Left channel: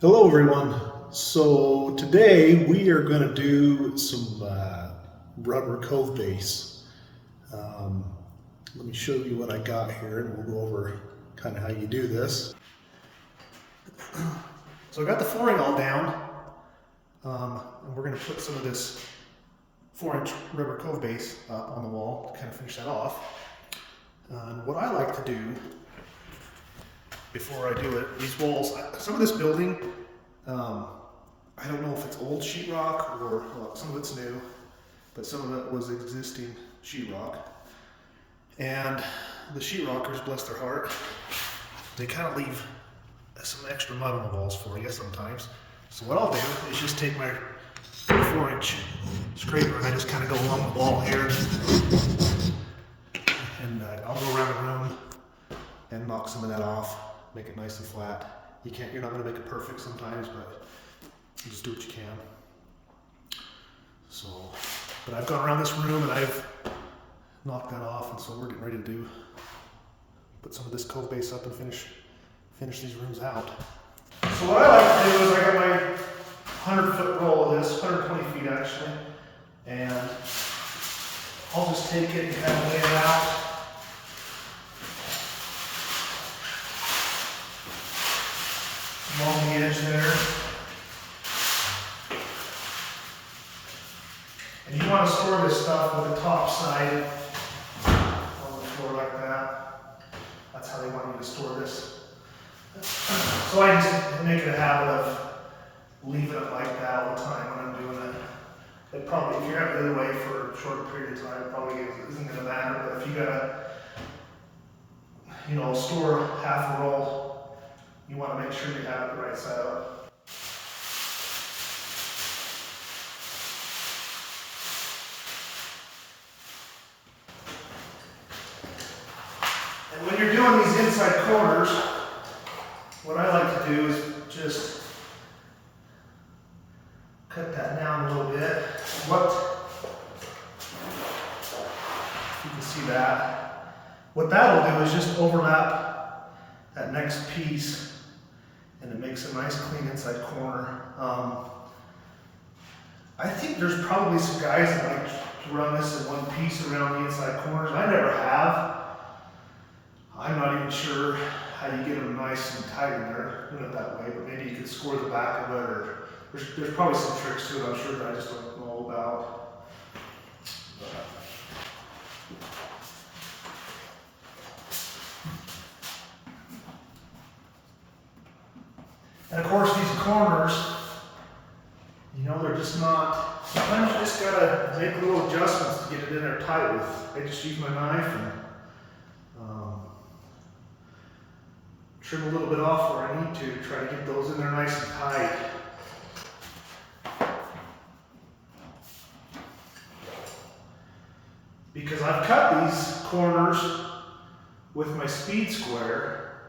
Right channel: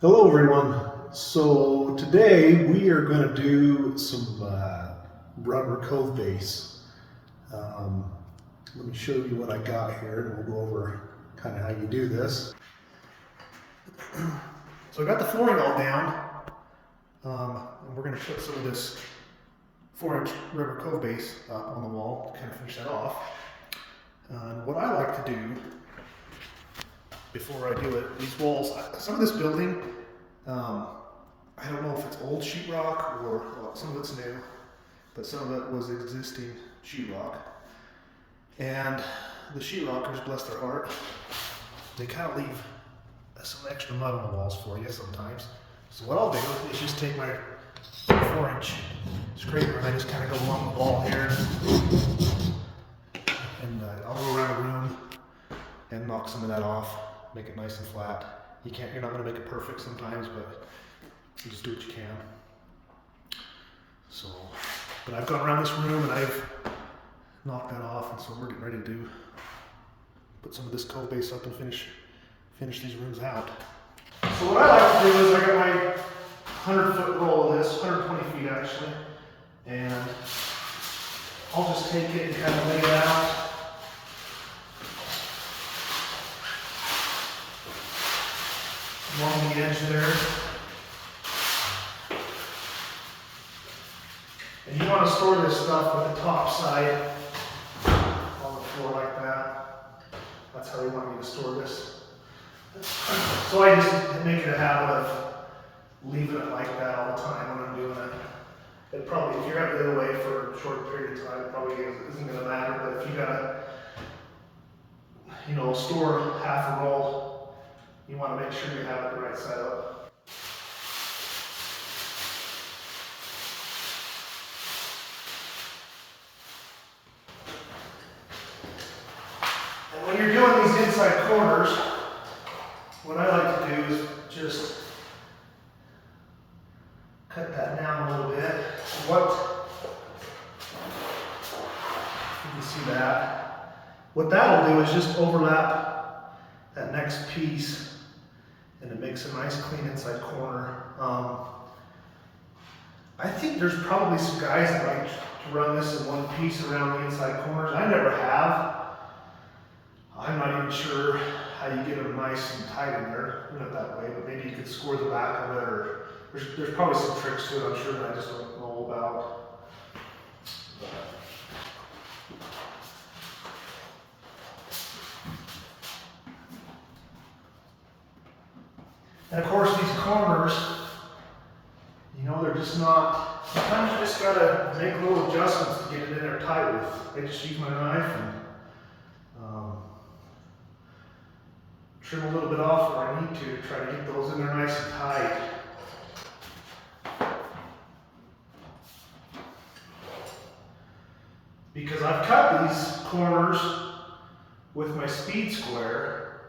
Hello everyone. So today we are going to do some rubber cove base. Let me show you what I got here and we'll go over kind of how you do this. So I got the flooring all down. And we're going to put some of this 4-inch rubber cove base up on the wall to kind of finish that off. And what I like to do before I do it, these walls, some of this building, I don't know if it's old sheetrock or well, some of it's new, but some of it was existing sheetrock. And the sheetrockers, bless their heart, they kind of leave some extra mud on the walls for you sometimes. So what I'll do is just take my 4-inch scraper and I just kind of go along the wall here, and I'll go around the room and knock some of that off, make it nice and flat. You're not going to make it perfect sometimes, but you just do what you can. So, but I've gone around this room and I've knocked that off, and so we're getting ready to put some of this cove base up and finish these rooms out. So what I like to do is I got my 100-foot roll of this, 120 feet actually, and I'll just take it and kind of lay it out. Along the edge there. And you want to store this stuff with the top side on the floor like that. That's how they want you to store this. So I just make it a habit of leaving it like that all the time when I'm doing it. It probably, if you're out the other way for a short period of time, it probably isn't going to matter. But if you gotta, store half a roll, you want to make sure you have it the right side up. And when you're doing these inside corners, what I like to do is just cut that down a little bit. You can see that. What that'll do is just overlap that next piece, and it makes a nice clean inside corner. I think there's probably some guys that like to run this in one piece around the inside corners. I never have. I'm not even sure how you get them nice and tight in there, that way, but maybe you could score the back of it, or there's probably some tricks to it, I'm sure, that I just don't know about. And of course, these corners, they're just not, sometimes you just gotta make little adjustments to get it in there tight with. I just use my knife and trim a little bit off where I need to try to get those in there nice and tight. Because I've cut these corners with my speed square,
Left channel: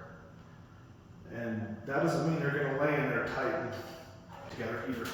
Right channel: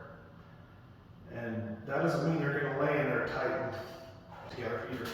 and that doesn't mean they're going to lay in there tight and together either.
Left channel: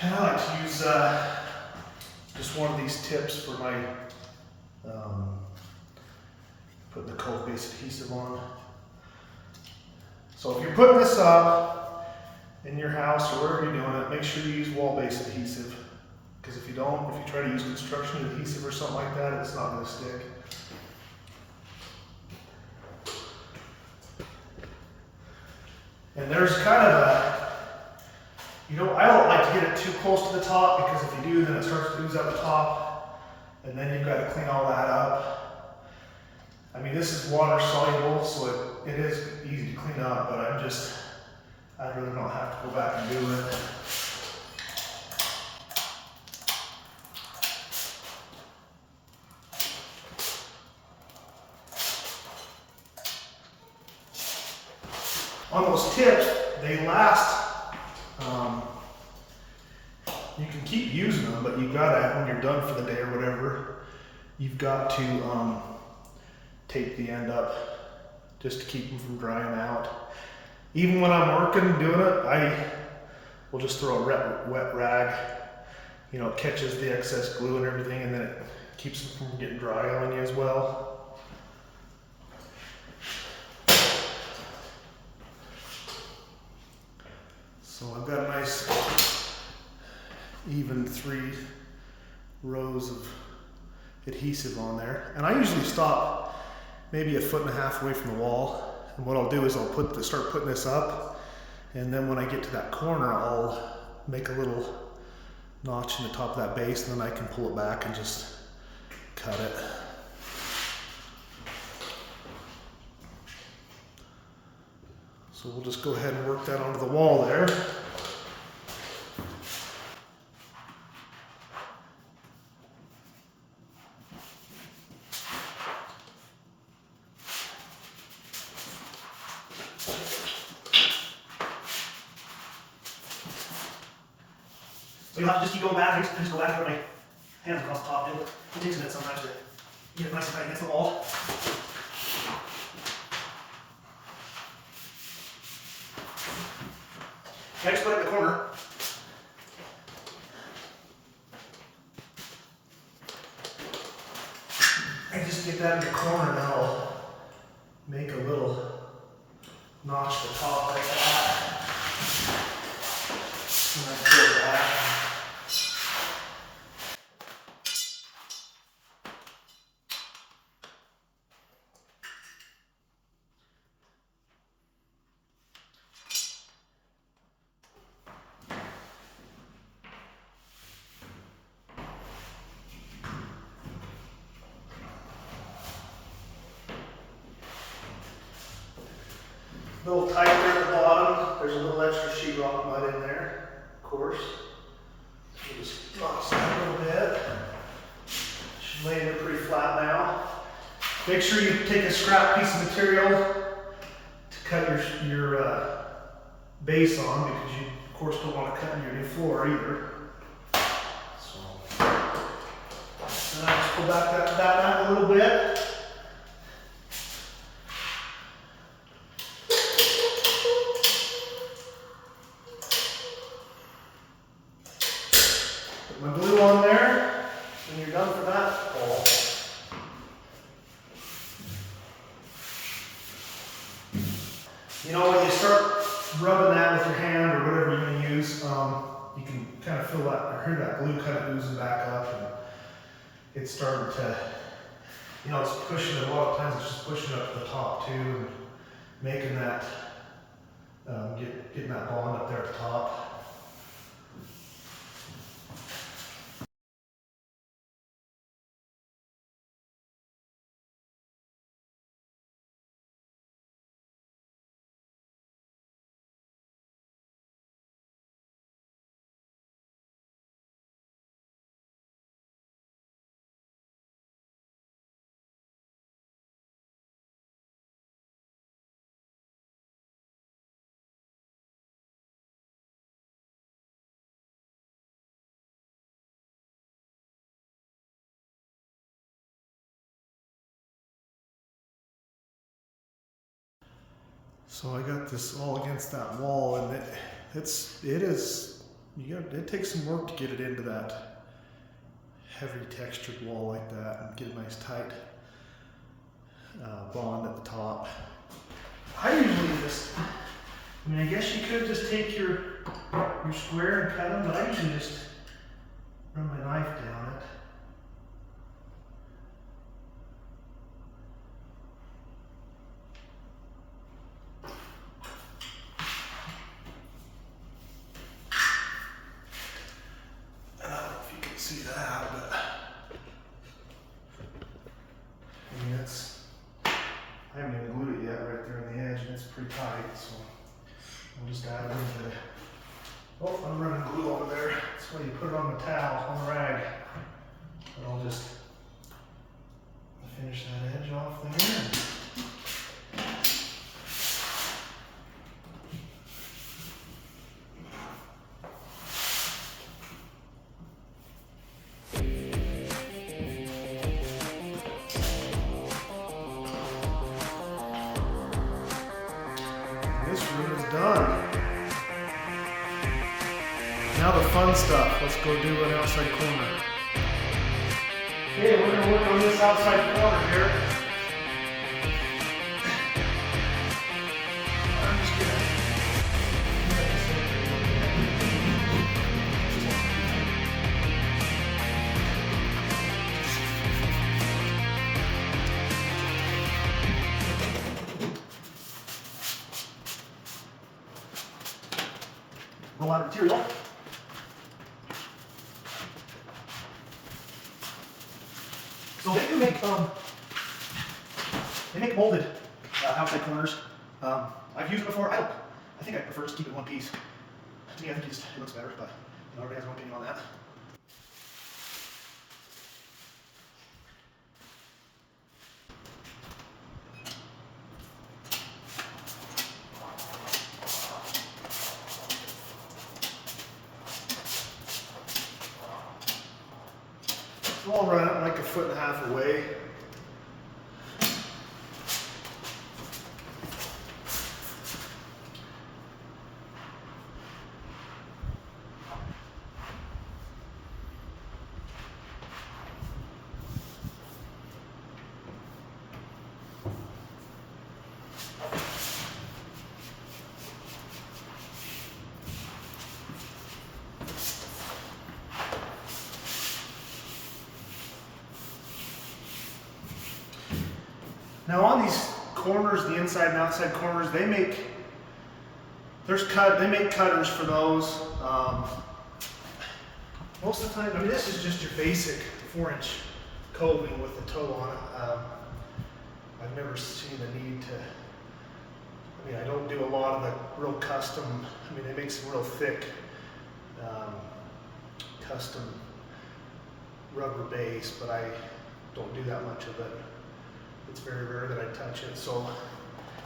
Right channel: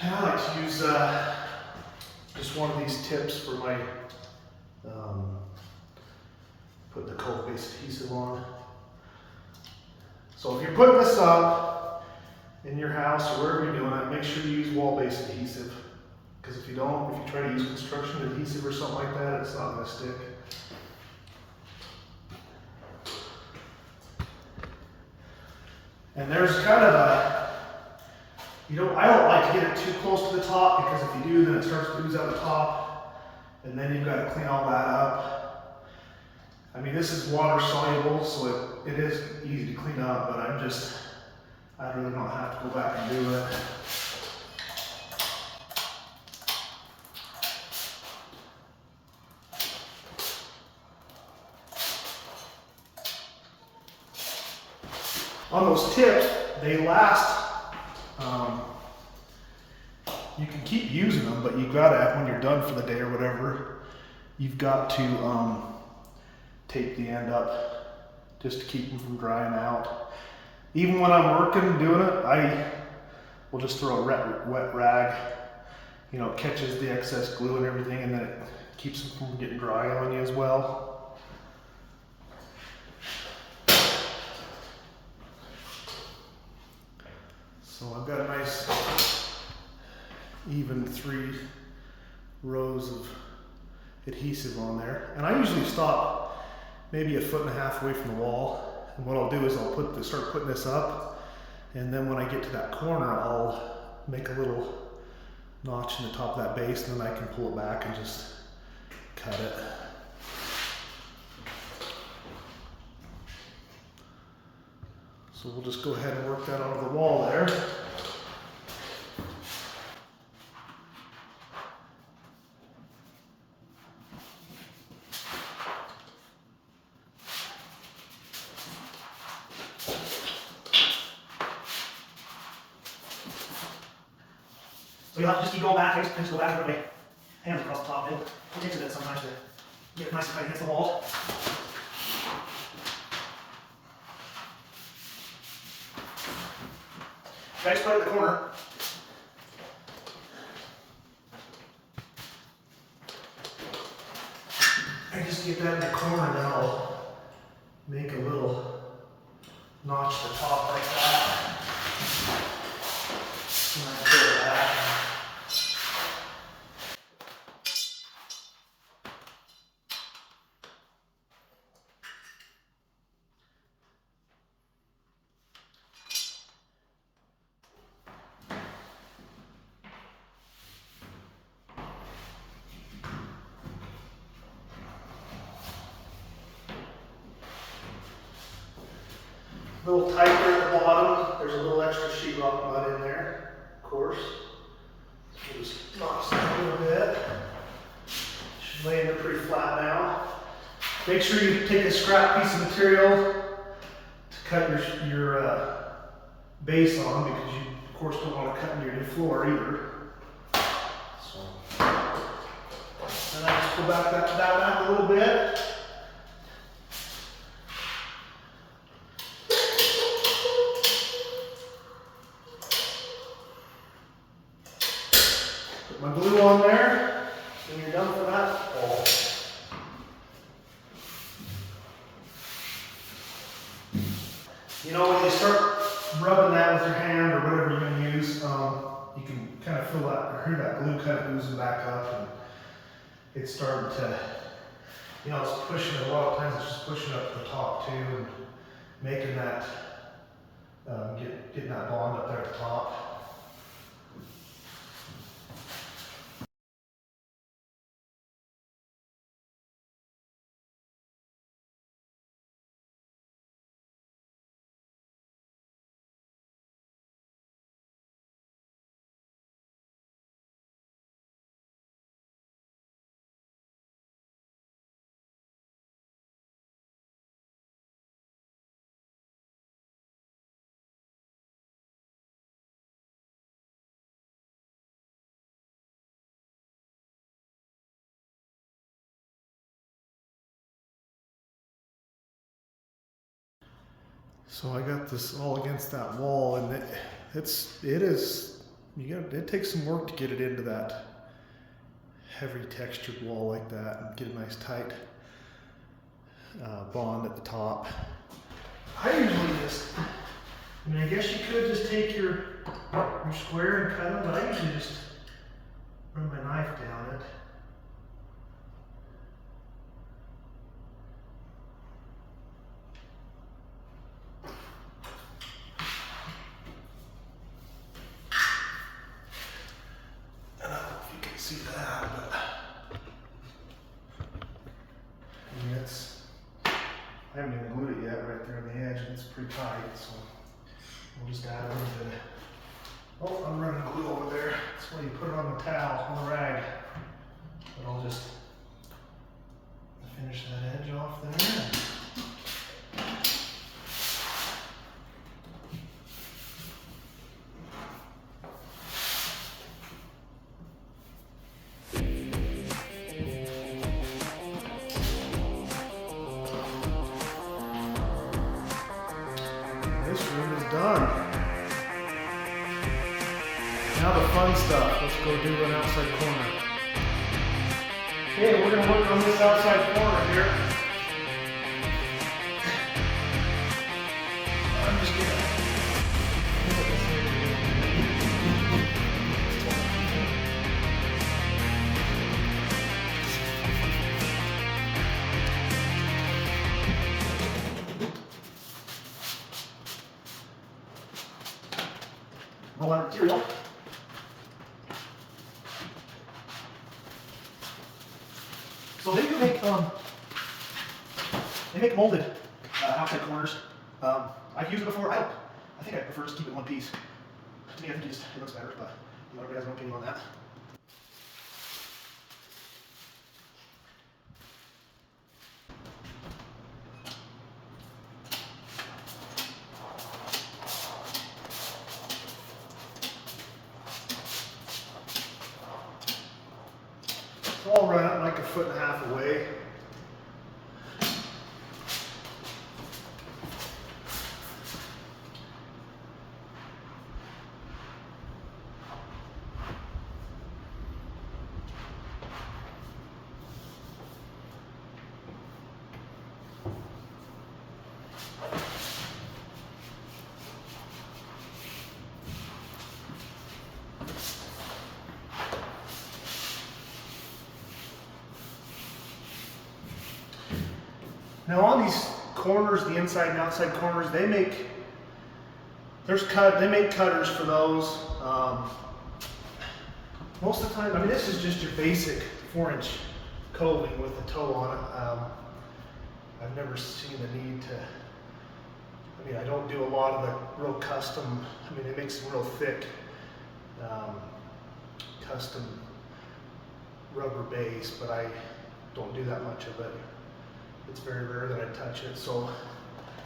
And I like to use just one of these tips for my putting the cove base adhesive on. So if you're putting this up in your house or wherever you're doing it, make sure you use wall-based adhesive. Because if you don't, if you try to use construction adhesive or something like that, it's not going to stick. And there's kind of a, I don't like to get it too close to the top, because if you do, then it starts to ooze out the top, and then you've got to clean all that up. I mean, this is water soluble, so it is easy to clean up, but I'd rather not have to go back and do it. On those tips, they last, you can keep using them, but you've got to, when you're done for the day or whatever, you've got to tape the end up just to keep them from drying out. Even when I'm working, doing it, I will just throw a wet rag, it catches the excess glue and everything, and then it keeps them from getting dry on you as well. So I've got a nice even 3 rows of adhesive on there. And I usually stop maybe 1.5 feet away from the wall. And what I'll do is I'll start putting this up, and then when I get to that corner, I'll make a little notch in the top of that base, and then I can pull it back and just cut it. So we'll just go ahead and work that onto the wall there. So you'll have to just keep going back. I just go back and put my hands across the top. It takes a minute sometimes to get it nice and tight against the wall. I just put it in the corner. I just get that in the corner, and then I'll make a little notch at the top like that. And I pull it back. A little tight there at the bottom. There's a little extra sheetrock mud in there, of course. So just notch that a little bit. Should lay in there pretty flat now. Make sure you take a scrap piece of material to cut your base on, because you, of course, don't want to cut into your new floor either. So, and I just pull back that back a little bit. My glue on there, and you're done for that wall. When you start rubbing that with your hand or whatever you're going to use, you can kind of feel that, or hear that glue kind of oozing back up, and it's starting to, it's pushing, a lot of times it's just pushing up to the top too, and making that, getting that bond up there at the top. So I got this all against that wall, and it takes some work to get it into that heavy textured wall like that and get a nice tight bond at the top. I usually just I mean, I guess you could just take your square and cut them, but I usually just run my knife down it. I don't know if you can see that, but I mean, I haven't even glued it yet right there in the edge, and it's pretty tight, so we'll just add a little bit of, oh, I'm running glue over there. That's why you put it on the towel, on the rag. But I'll just finish that edge off there. This room is done. Now the fun stuff. Let's go do an outside corner. Okay, we're going to work on this outside corner here. I'm just going to roll out material. So they do make molded outside corners. I've used it before. I think I prefer just keep it one piece. To me, I think it looks better, but everybody has an opinion on that. I'll run it like 1.5 feet away. Now on these corners, the inside and outside corners, they make cutters for those. Most of the time, I mean, this is just your basic 4-inch coving with a toe on it. I've never seen the need to, I mean, I don't do a lot of the real custom, I mean, they make some real thick custom rubber base, but I don't do that much of it. It's very rare that I touch it, so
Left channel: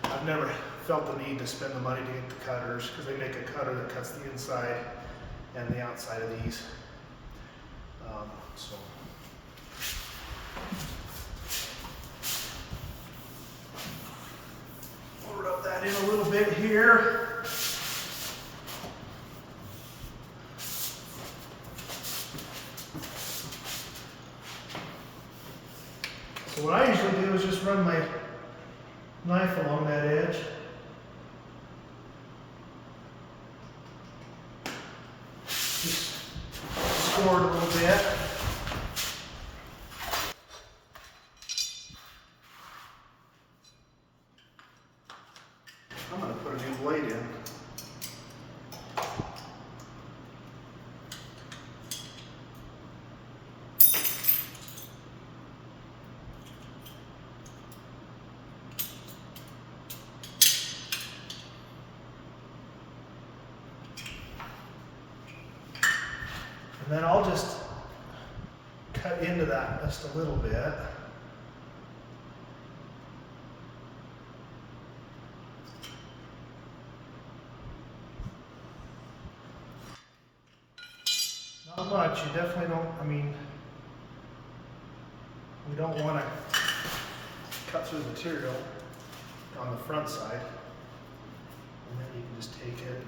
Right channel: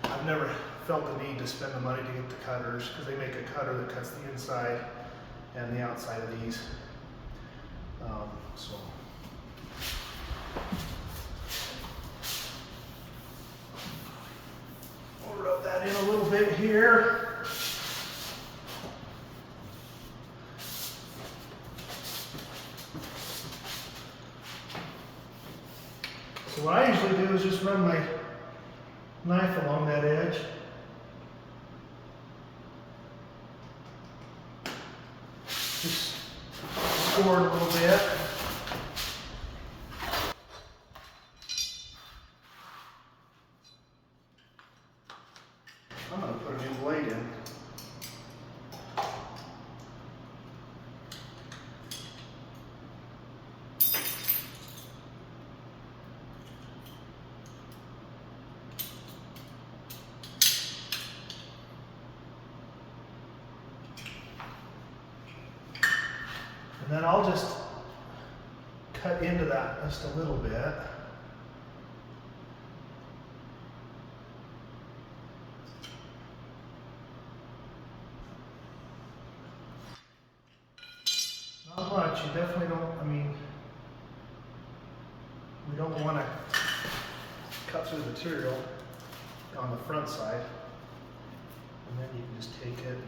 I've never felt the need to spend the money to get the cutters, because they make a cutter that cuts the inside and the outside of these. So I'll rub that in a little bit here. So what I usually do is just run my knife along that edge. Just score it a little bit. I'm going to put a new blade in. And then I'll just cut into that just a little bit. Not much, you definitely don't, I mean, we don't want to cut through the material on the front side. And then you can just take it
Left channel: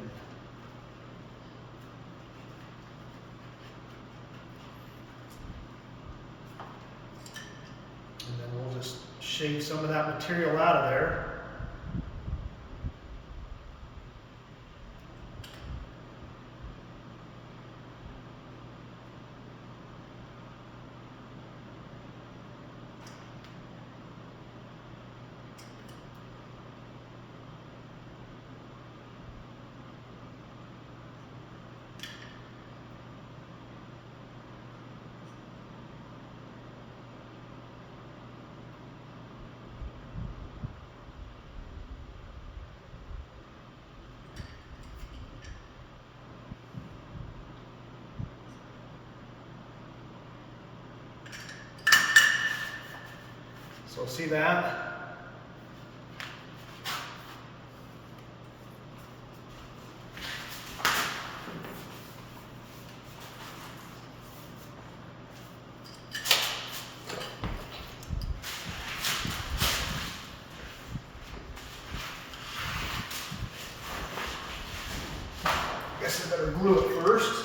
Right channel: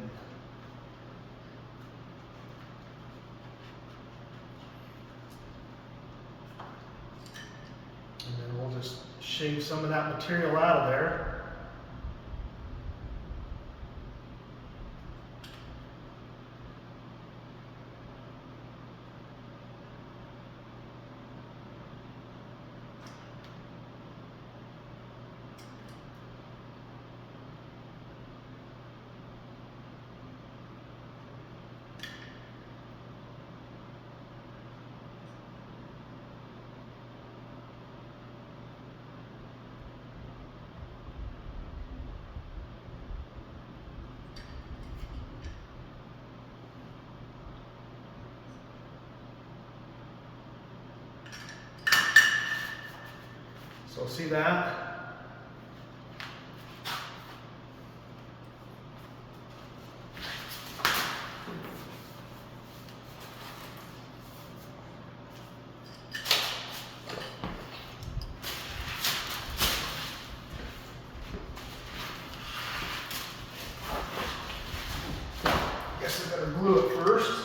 and then we'll just shave some of that material out of there. So see that? Guess I better glue it first.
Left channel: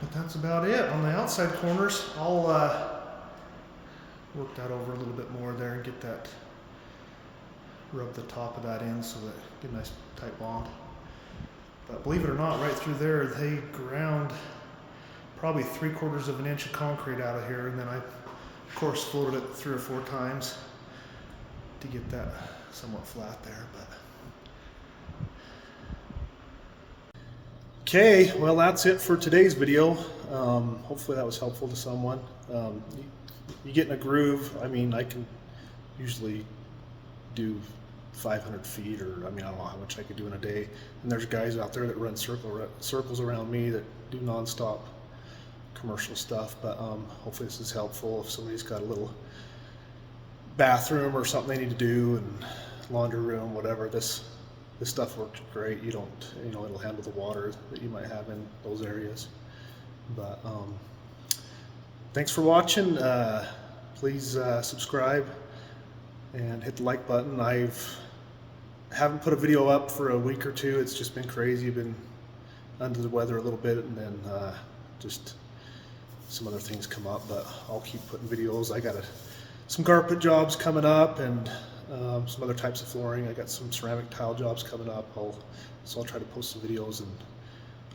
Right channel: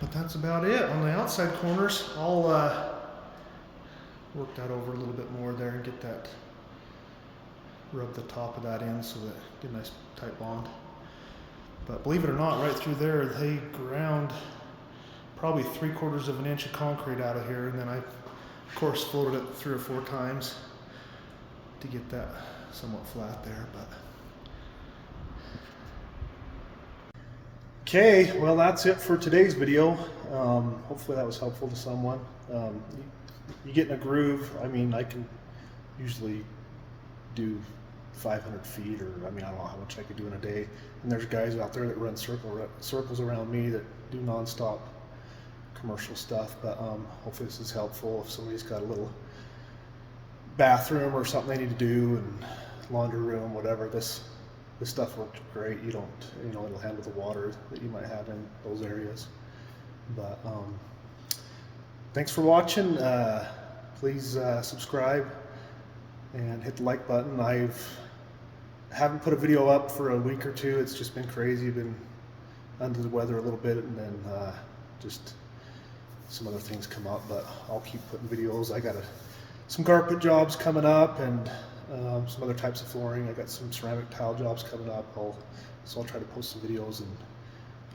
But that's about it. On the outside corners, I'll work that over a little bit more there and get that, rub the top of that in so that get a nice tight bond. But believe it or not, right through there, they ground probably 3/4 of an inch of concrete out of here, and then I, of course, floated it 3 or 4 times to get that somewhat flat there. But okay, well, that's it for today's video. Hopefully that was helpful to someone. You get in a groove. I mean, I can usually do 500 feet, or I mean, I don't know how much I could do in a day. And there's guys out there that run circles around me that do nonstop commercial stuff. But hopefully this is helpful if somebody's got a little bathroom or something they need to do, and laundry room, whatever. This stuff works great. You don't, it'll handle the water that you might have in those areas. But thanks for watching. Please subscribe and hit the like button. Haven't put a video up for a week or two. It's just been crazy. Been under the weather a little bit, and then just some other things come up. But I'll keep putting videos. I got some carpet jobs coming up, and some other types of flooring. I got some ceramic tile jobs coming up. So I'll try to post some videos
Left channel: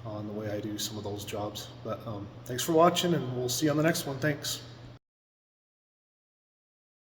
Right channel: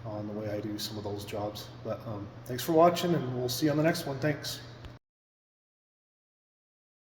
on the way I do some of those jobs. But thanks for watching, and we'll see you on the next one. Thanks.